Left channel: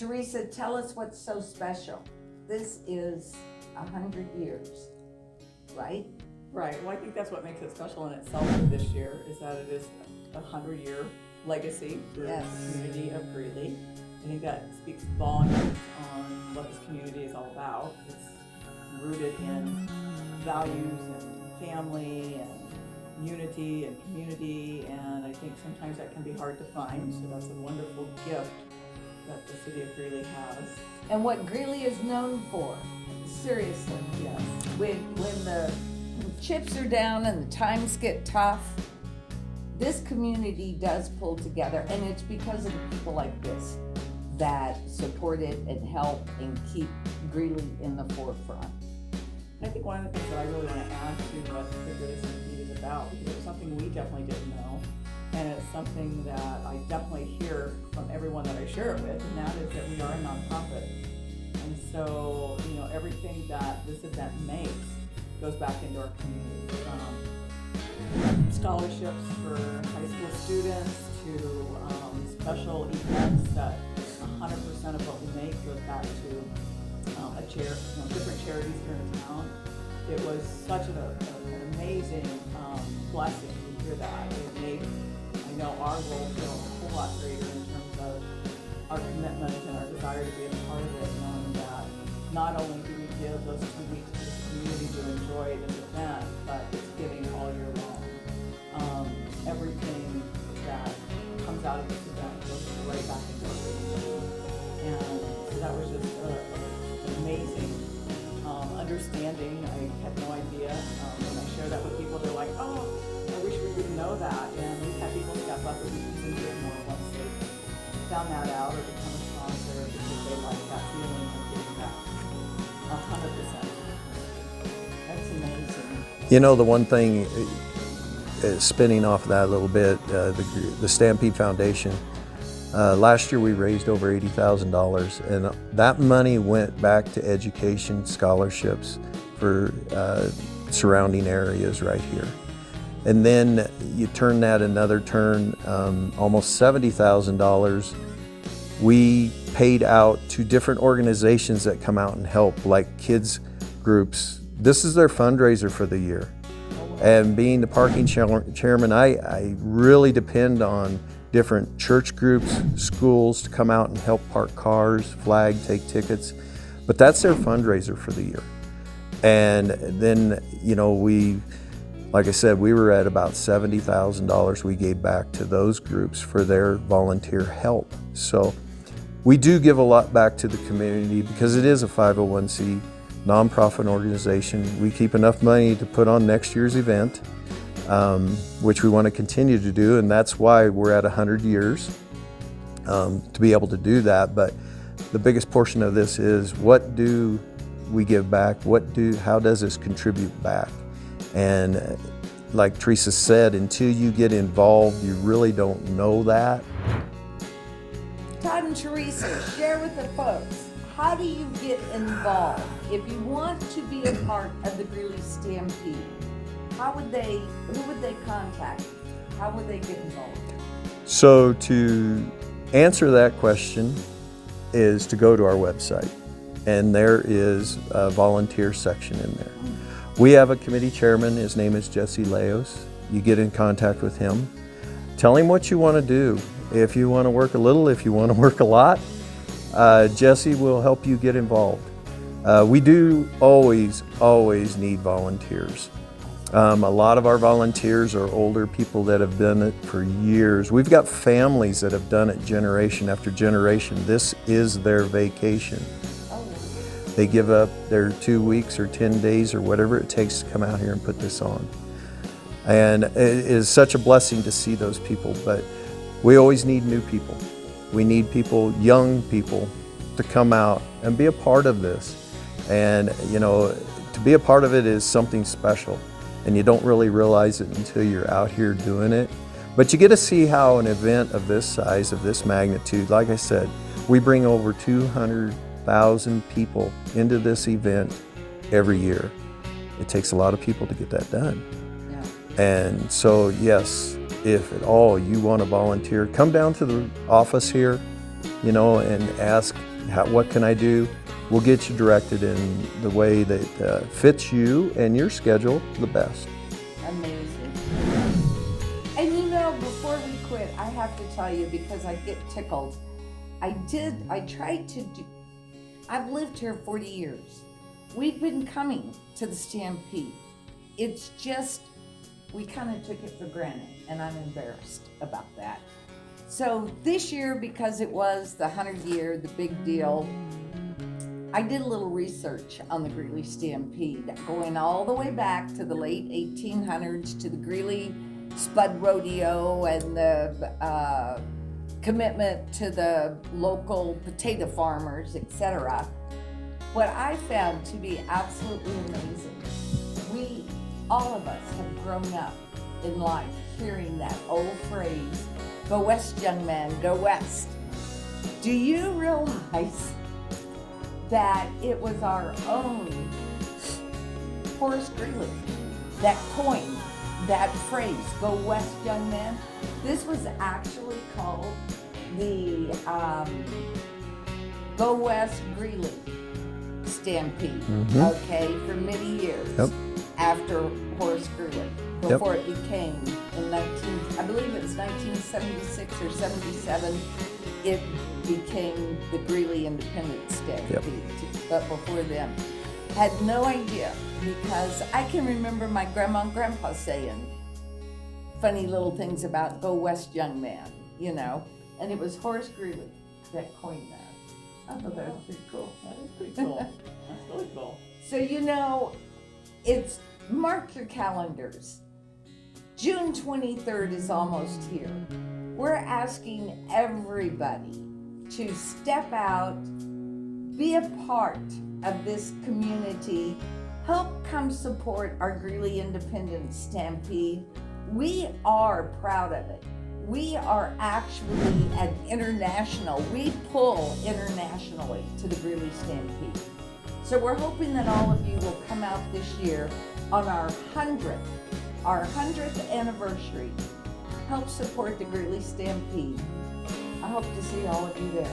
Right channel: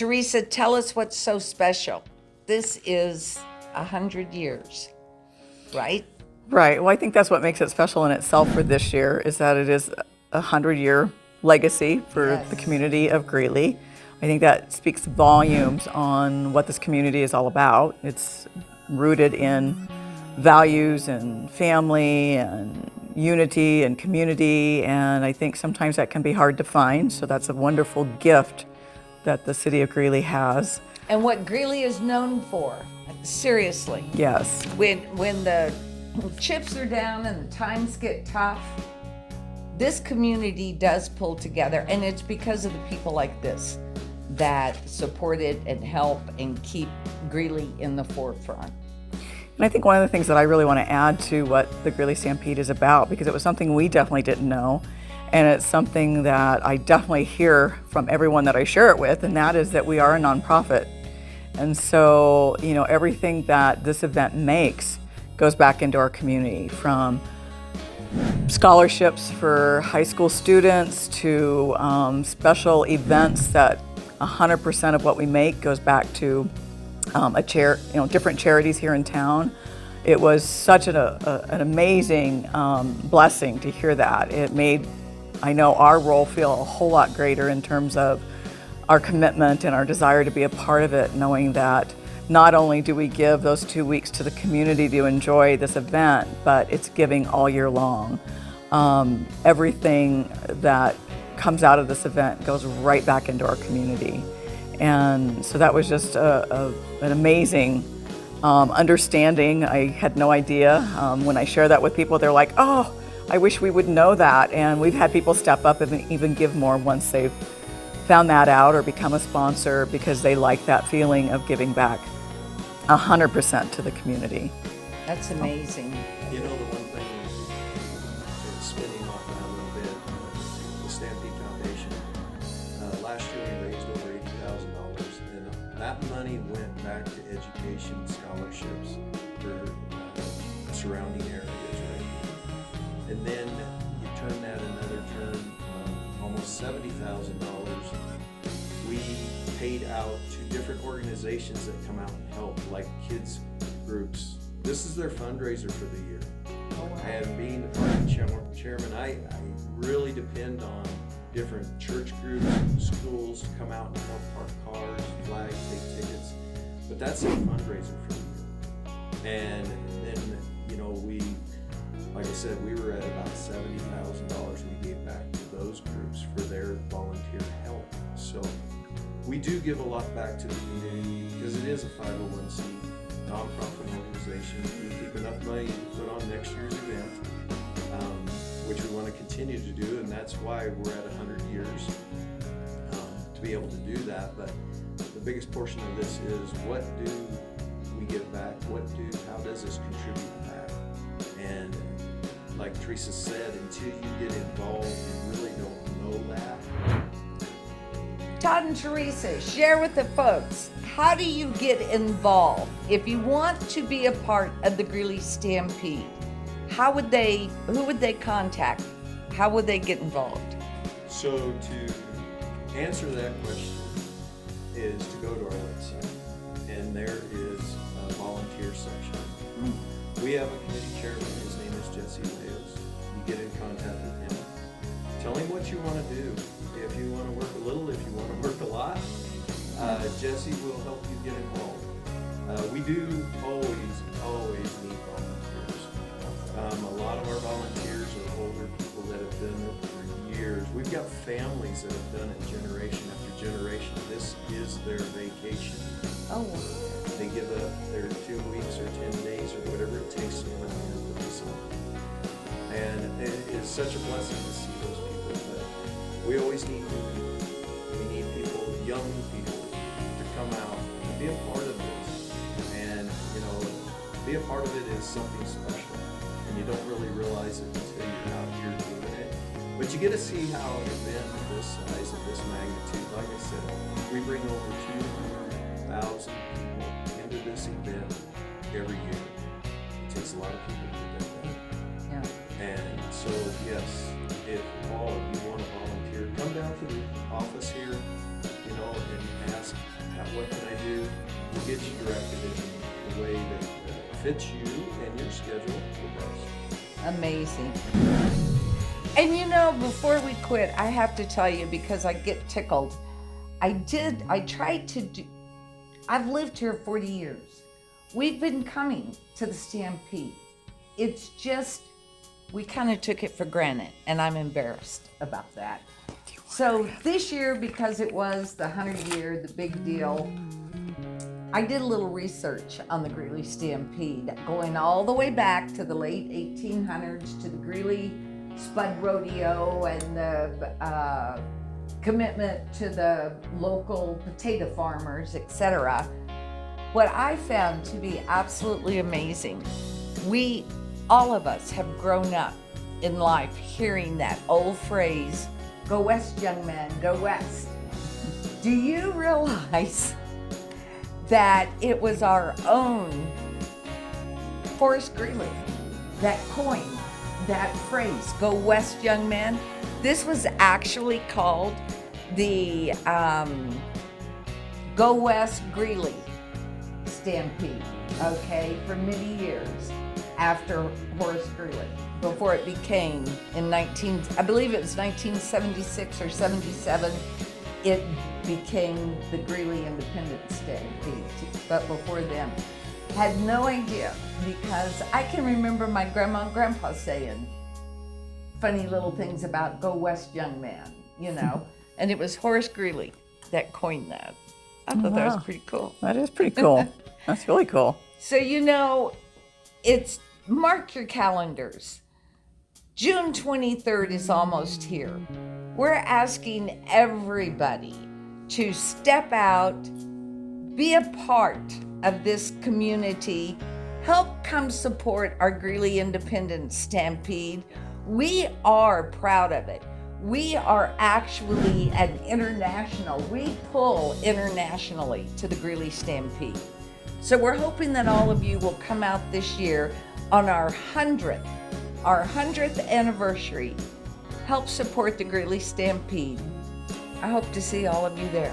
Teresa, tell us what's so special. This is 100 years, right? Right. Well, I think that's what makes it special in itself for this year, is that it is a 100-year legacy for the community of Greeley. I think that speaks volumes on what this community is all about. It's rooted in values and family and unity and community, and I think sometimes that can be hard to find, so that's a wonderful gift that the city of Greeley has. And what Greeley is known for, seriously. Yes. When the chips are down and the times get tough, this community does pull together, and it's because of the people like this that support it and help and keep Greeley in the forefront. And I think one of the things that I really want to add to what the Greeley Stampede is about, because it was something we definitely didn't know, and it's something that I definitely hear from everyone that I share it with, and that is that we are a nonprofit. And so, you know, everything that this event makes goes back into our community, from scholarships for high school students to special events that 100% of what we make goes back to different charities here in town. It was such an amazing blessing to hear that. It made, I know, our role feel a whole lot greater in terms of our commitment and our desire to be a part of it, knowing that not only do we give those 2 weeks to the community to enjoy this event, but it's giving all year long. Everything that comes out of this event goes right back into our community. And so that was just an amazing understanding. I had no idea. When I share that with people, they're like, oh, I wish we would know that. And we've had people step up and even give more once they've found that out or become a sponsor, because they like that feeling of giving back 100% to the community. That's amazing. You know, the one thing, spinning off that a little bit, the Stampede Foundation, last year we raised over $80,000, and that money went back to education scholarships for surrounding areas right here. And then you turn that another turn, almost $70,000 we paid out to different organizations that come out and help, like kids groups. This is their fundraiser for the year. And being the parking chairman, I really depend on different church groups, schools to come out and help park cars, flag, take tickets. But that's their fundraiser for the year. And then, you know, like I said, we were at about $70,000 we gave back to those groups for their volunteer help. So we do give a lot back to the community because it is a 501c nonprofit organization. We keep enough money to put on next year's event, which we want to continue to do, and that's why we're at 100 years to be able to do that. But the biggest portion of this is, what do we give back? How does this contribute back? And like Teresa said, until you get involved, you really don't know that. Todd and Teresa, share with the folks, how do you get involved? If you want to be a part of the Greeley Stampede, who would they contact? How would they get involved? So to answer that question is to go to our website, and there is a volunteer section in there. We have a committee chairman. His name is Jesse Leos. You get in contact with him. Tell him what you want to do. If you want to work a little, if you want to work a lot, Jesse will help you get involved. We do always need volunteers. A lot of our volunteers are older people that have done it for years. We've got families that have done it generation after generation. This is their vacation. Oh. They give up their 2 weeks or 10 days or whatever it takes to come out here and put this on. And it is such a blessing to see those people, but we always need new people. We need people, young people, to come out and be a part of this. And, you know, to be a part of it is something special, and you don't really realize it until you're out here doing it. But you get to see how an event of this size, of this magnitude, like I said, we bring over 200,000 people into this event every year. It takes a lot of people to get that done. Yeah. And so, yes, if at all you want to volunteer, come down to the office here, and ask, what can I do? We'll get you directed in the way that fits you and your schedule the best. Amazing. And before we quit, I have to tell you, because I get tickled, I've lived here 40 years. We've been coming to the Stampede. It's just, we kind of took it for granted, and I'm embarrassed about that. So this year, because it was the 100th year, the big deal, I did a little research on the Greeley Stampede, going all the way back to the late 1800s to the Greeley Spud Rodeo and the commitment to the local potato farmers, etc. What I found to be absolutely amazing, all of us have grown up in life hearing that old phrase, "Go west, young man, go west." Do you realize that it was our own Horace Greeley that coined that phrase, "Go west, young man"? This was actually called the Go West Greeley Stampede, okay, for many years after Horace Greeley, before it became I believe it's 1976 or 77, it became the Greeley Independence Stampede, but before then. Had no idea, because I can remember my grandma and grandpa saying funny little things about "Go west, young man," and it was Horace Greeley that coined that. I thought that was pretty cool. That is pretty cool. That's really cool. So it's, mark your calendars. June 23rd is almost here. We're asking everybody to step out, be a part of this community, help come support our Greeley Independence Stampede. We are proud of it. We are actually we pull internationally to the Greeley Stampede. So we're hoping that all of you will come out this year on our 100th anniversary, help support the Greeley Stampede. I hope to see all of you there.